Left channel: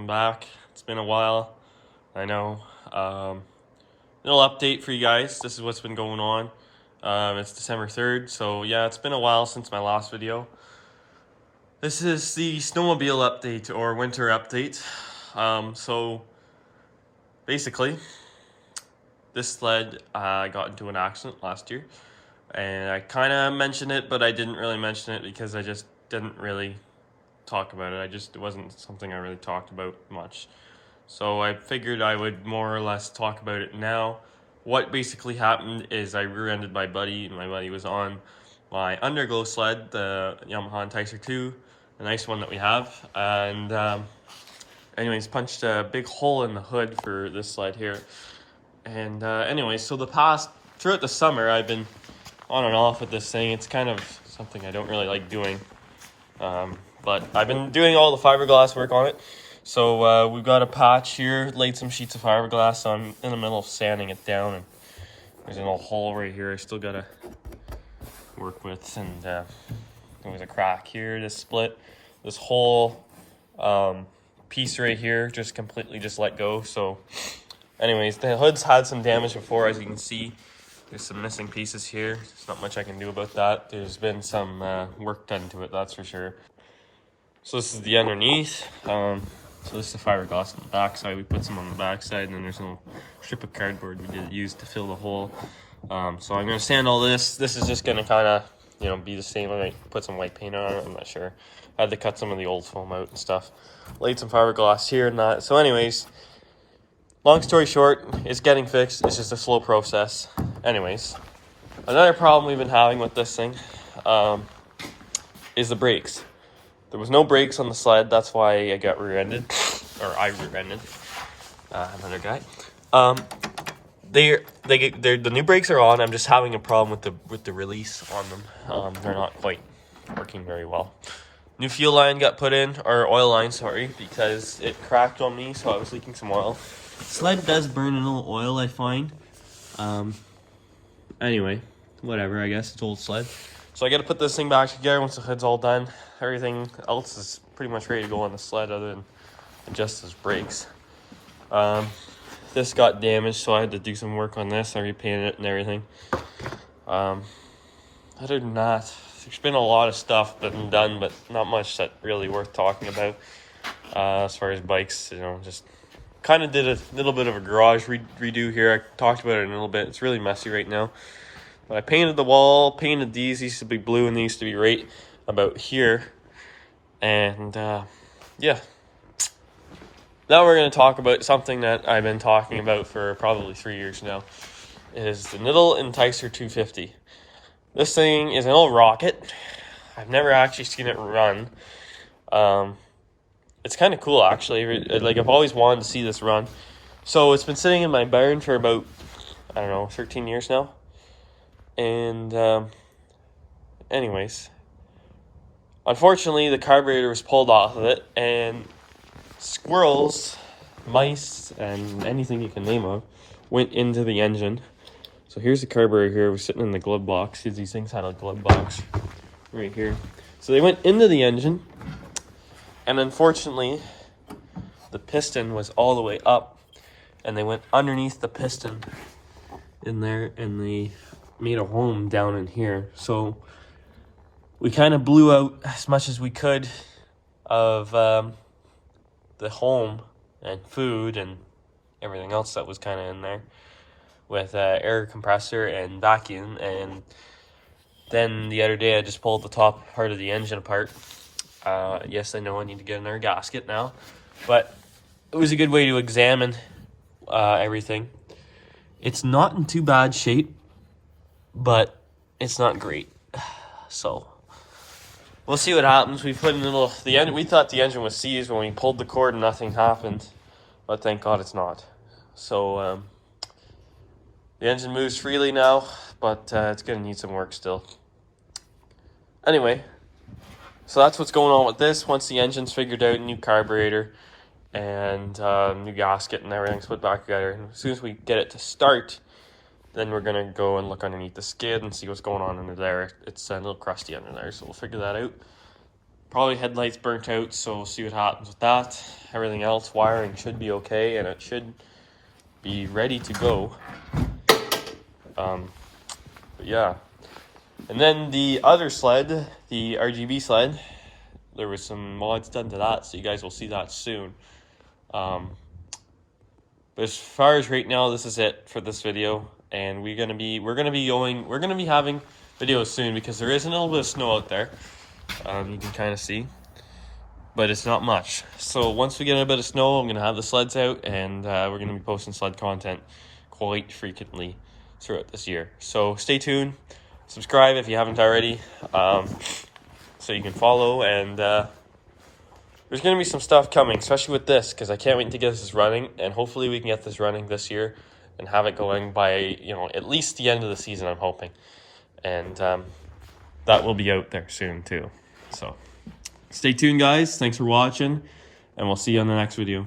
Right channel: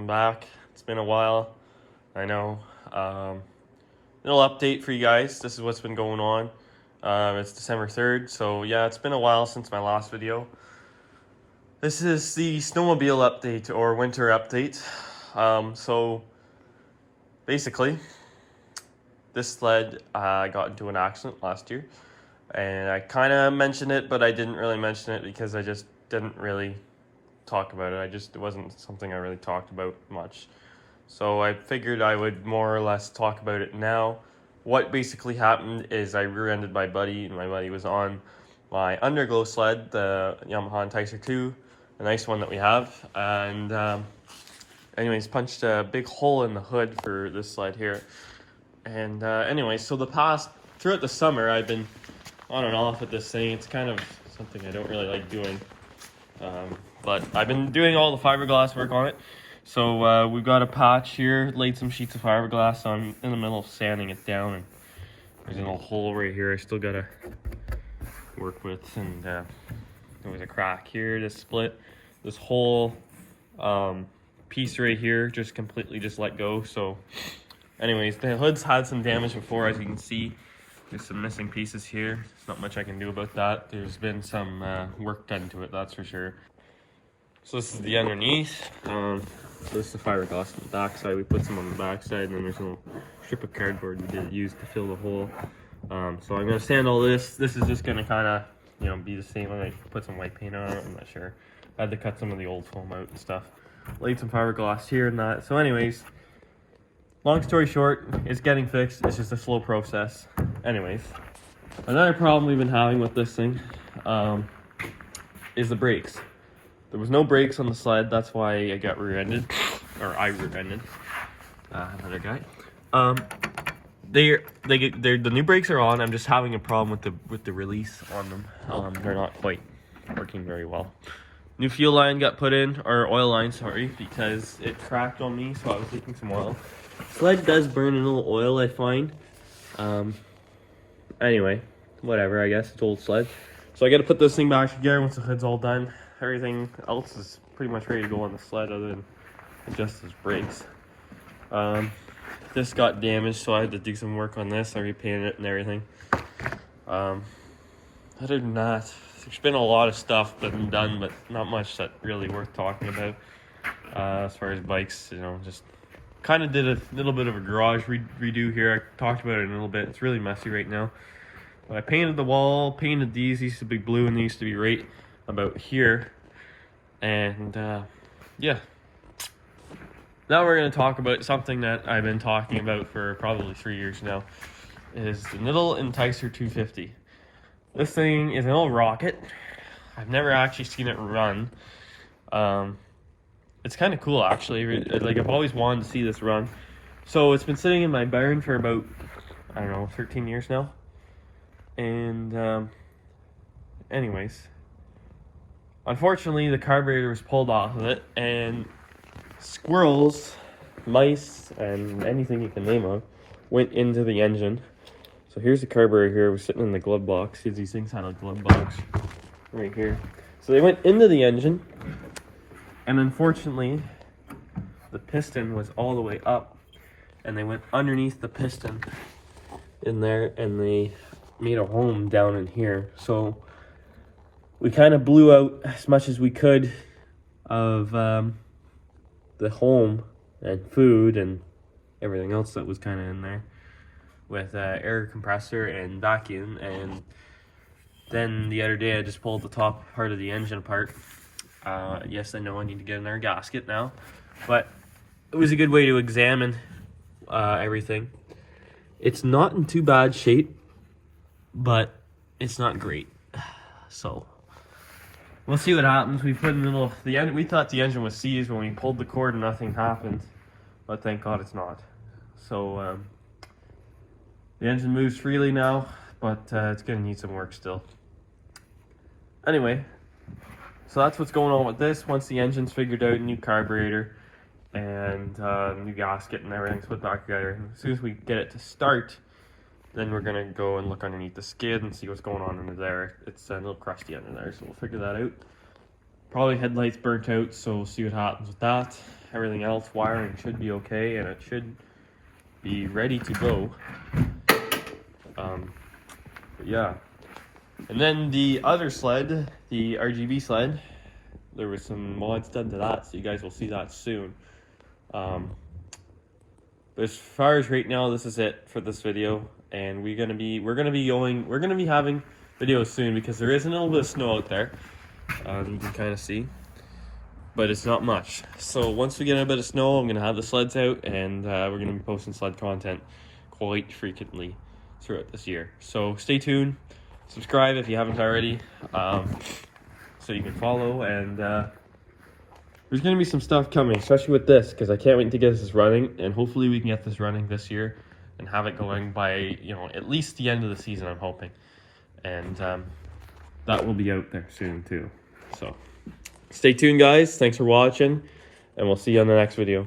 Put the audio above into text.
welcome back. It's been a while, I know. Little update for you guys. This is what's been going on. It's December 3rd, so yeah, it's been a while since my last video. This is the snowmobile update or winter update. So basically, this sled got into an accident last year, and I kind of mentioned it, but I didn't really mention it because I just didn't really talk about it. It wasn't something I really talked about much. So I figured I would more or less talk about it now. What basically happened is I rear-ended my buddy, and my buddy was on my underglow sled, the Yamaha Enticer 2, a nice one that we have. And anyways, punched a big hole in the hood for this sled here. And anyways, so throughout the summer, I've been on and off with this thing. It's kind of something I don't really like doing. But I've been doing all the fiberglass work on it. So we've got a patch here, laid some sheets of fiberglass on in the middle of sanding it down, and there's a little hole right here I still gotta work with, and there was a crack here to split. This whole piece right here just completely let go. So anyways, the hood's had some damage before, as you can see. There's some missing pieces here. There's not much I can do about that. There's been some work done to it, that's for sure. So this is the underneath. So this is the fiberglass on the back side. We put some on the back side, and then there's a little strip of cardboard we did use to fill the hole. So I'm gonna sand all this. This is just gonna kind of, be the same. I might put some white paint on it. I'm not sure. I had to cut some of the old foam out and stuff. Laid some fiberglass here and that. So anyways, long story short, it's getting fixed. It's just a slow process. Anyways, another problem we've been having with this thing is the brakes. There was no brakes on the sled. That's why I got rear-ended, or I rear-ended another guy. The new brakes are on. I'm just having a problem with the release on them. They're not quite working very well. New fuel line got put in, or oil line, sorry, because it cracked on me, so I was leaking some oil. Sled does burn a little oil, I find. Anyway, whatever. I guess it's old sled. So I got to put this thing back together once the hood's all done. Everything else is pretty much ready to go on the sled other than just those brakes. This got damaged, so I had to do some work on this. I repainted it and everything. Other than that, there's been a lot of stuff been done, but not much that really worth talking about. As far as bikes, just kind of did a little bit of a garage redo here. I talked about it in a little bit. It's really messy right now. But I painted the wall, painted these. These used to be blue, and these used to be right about here. And yeah, now we're going to talk about something that I've been talking about for probably 3 years now. Is the little Enticer 250. This thing is an old rocket. I've never actually seen it run. It's kind of cool, actually. Like, I've always wanted to see this run. So it's been sitting in my barn for about, 13 years now. And anyways, unfortunately, the carburetor was pulled off of it, and squirrels, mice, and anything you can name of went into the engine. So here's the carburetor here. We're sitting in the glove box. These things had a glove box right here. So they went into the engine, and unfortunately, the piston was all the way up, and they went underneath the piston in there, and they made a home down in here. So we kind of blew out as much as we could of the home and food and everything else that was kind of in there with air compressor and vacuum. And then the other day I just pulled the top part of the engine apart. Yes, I know I need to get another gasket now, but it was a good way to examine everything. It's not in too bad shape, but it's not great. So we'll see what happens. We put in we thought the engine was seized when we pulled the cord and nothing happened, but thank God it's not. So the engine moves freely now, but it's gonna need some work still. Anyway, so that's what's going on with this. Once the engine's figured out, new carburetor and new gasket and everything's put back together, and as soon as we get it to start, then we're gonna go and look underneath the skid and see what's going on under there. It's a little crusty under there, so we'll figure that out. Probably headlights burnt out, so we'll see what happens with that. Everything else, wiring should be okay, and it should be ready to go. But yeah. And then the other sled, the RGB sled, there was some mods done to that, so you guys will see that soon. But as far as right now, this is it for this video, and we're gonna be having videos soon because there is a little bit of snow out there. You can kind of see, but it's not much. So once we get a bit of snow, I'm gonna have the sleds out, and we're gonna be posting sled content quite frequently throughout this year. So stay tuned, subscribe if you haven't already, so you can follow, and there's going to be some stuff coming, especially with this, because I can't wait to get this running, and hopefully we can get this running this year and have it going by, you know, at least the end of the season, I'm hoping. And that will be out there soon too. So stay tuned, guys. Thanks for watching, and we'll see you on the next video.